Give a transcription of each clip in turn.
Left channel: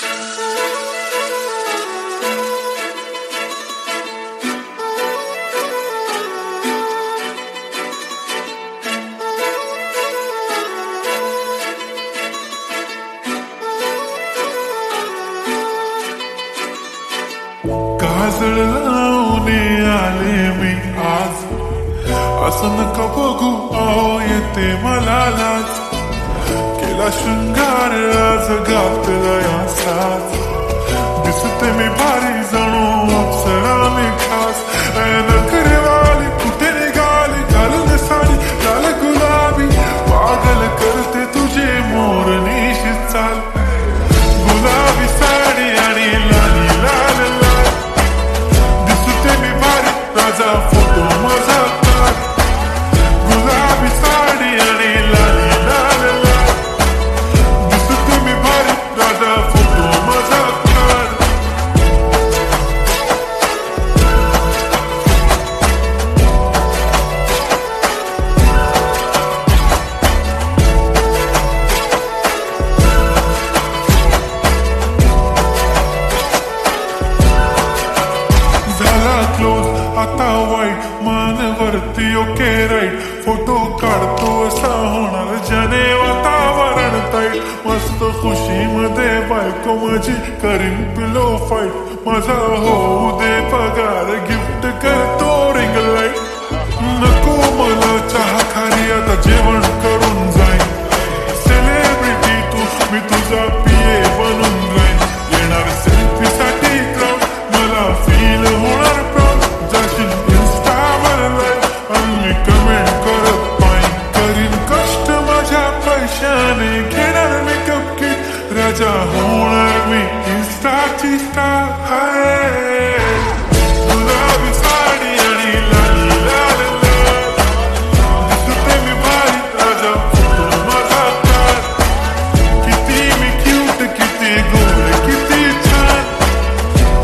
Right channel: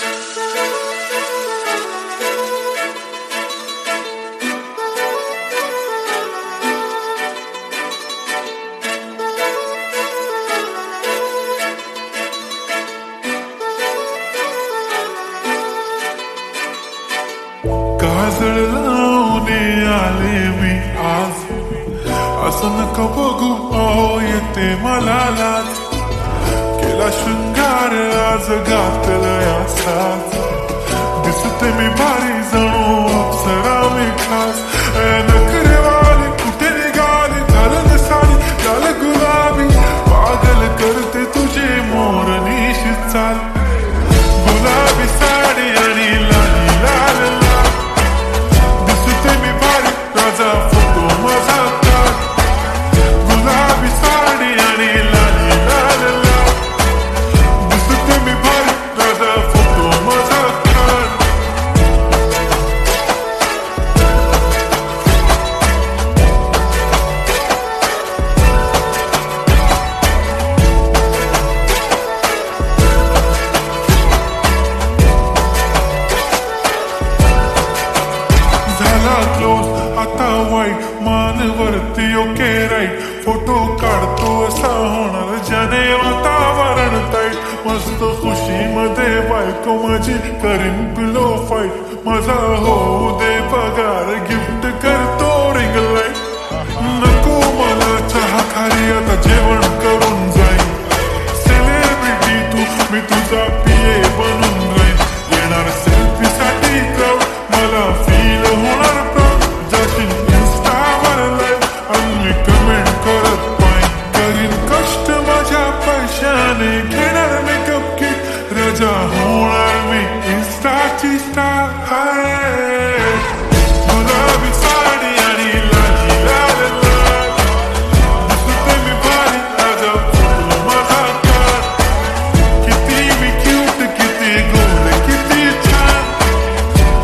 काजळ लावून आले मी आज, असं नका बघू अहो येते मला लाज. केला शृंगार आज घातला साज, दिसते मी भारी जणू अप्सरा मी खास. नखरेवाली कुठे निघाली घालून साडी लाल गुलाबी, पागल करते तुझे मोरनीशी चाल. गुलाबी साडी आणि लाली लाल लाल, दिसते मी भारी राजा फोटो माझा काढ. गुलाबी साडी आणि लाली लाल लाल, दिसते मी भारी राजा फोटो माझा काढ. झाला क्लोज आता वाईट, मानवरती ओके राईट. फोटो काढतो असा होणार ज्याने वातावरण ताईट. मस्त खुशीमध्ये बायको माझी करीन पिलो फाईट. माझा होऊ दे पगार गिफ्ट करतो रिंग लाईट. नको मला चहा खारी आता जेवण करून जाईन. सेलिब्रिटी तू मी तुझा पिये बनून राहीन. येणार सेल्फी साठी क्राऊड मला फील होणार प्राऊड. जाशील इन्स्टावर लाईव्ह आणि मी कमेंट करत पाईन. करीन कष्ट माझ्या पैशाने घेणार मेकअप किट. राजा होणार मी इन्स्टाची स्टार. हाय गुलाबी साडी आणि लाली लाल लाल, दिसते मी भारी राजा फोटो माझा काढ. किती मी क्यूट किती गोड किती छान,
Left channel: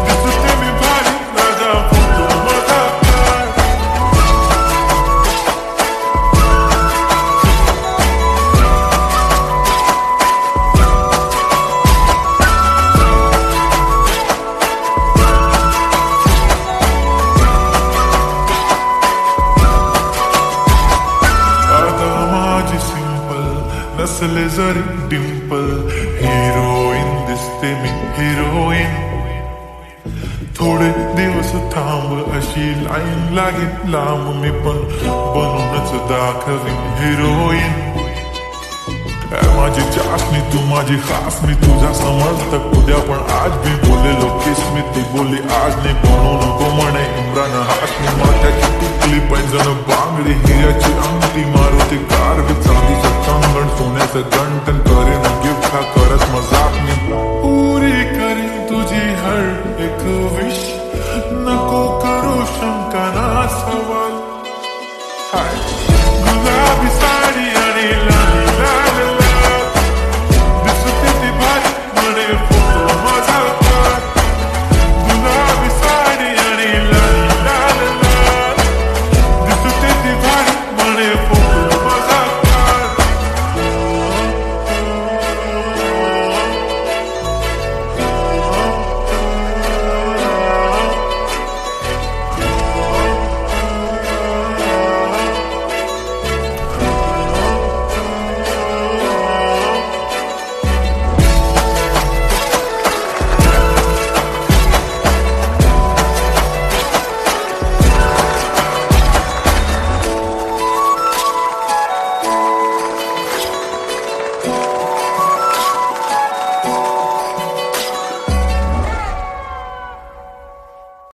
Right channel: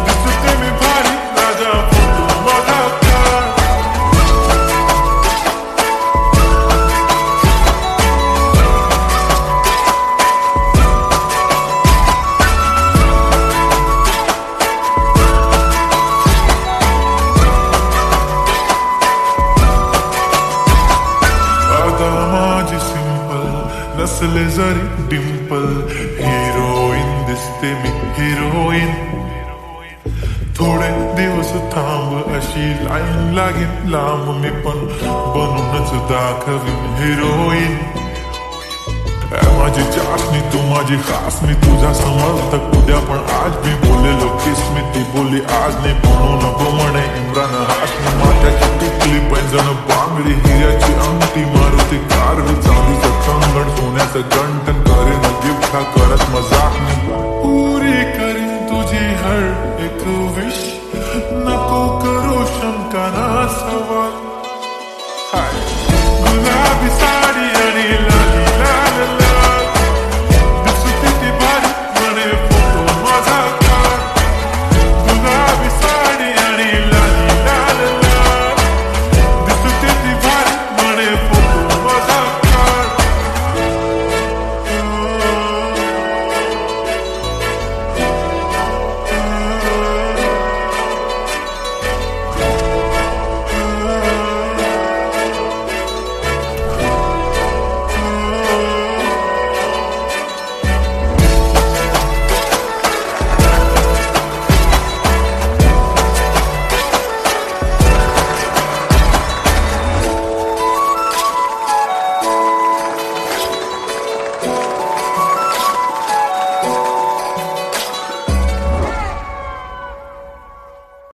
दिसते मी भारी राजा फोटो माझा काढ. आता माझी सिंपल नसले जरी डिंपल, हिरोईन दिसते मी हिरोईन. थोडे दिवस थांब अशी लाईन लागेल लांब, मी पण बनूनच दाखवीन हिरोईन. माझी चाशनी तू माझी खास, मी तुझा समर्थक उद्या पण आज मी बोलेलो किस मी. ती बोली आज नाही बनू नको म्हणे इम्रान हाशमी. माथ्याची टिकली पैंजण बांगडी हिऱ्याची अंगठी, मारुती कारवी चांदीचं कंगण सोन्याचं गंटन. करेन गिफ्ट हा करत मजाक मी. पुरी करीन तुझी हर एक विश, नको करू शंका ना सवाल. हाय गुलाबी साडी आणि लाली लाल लाल,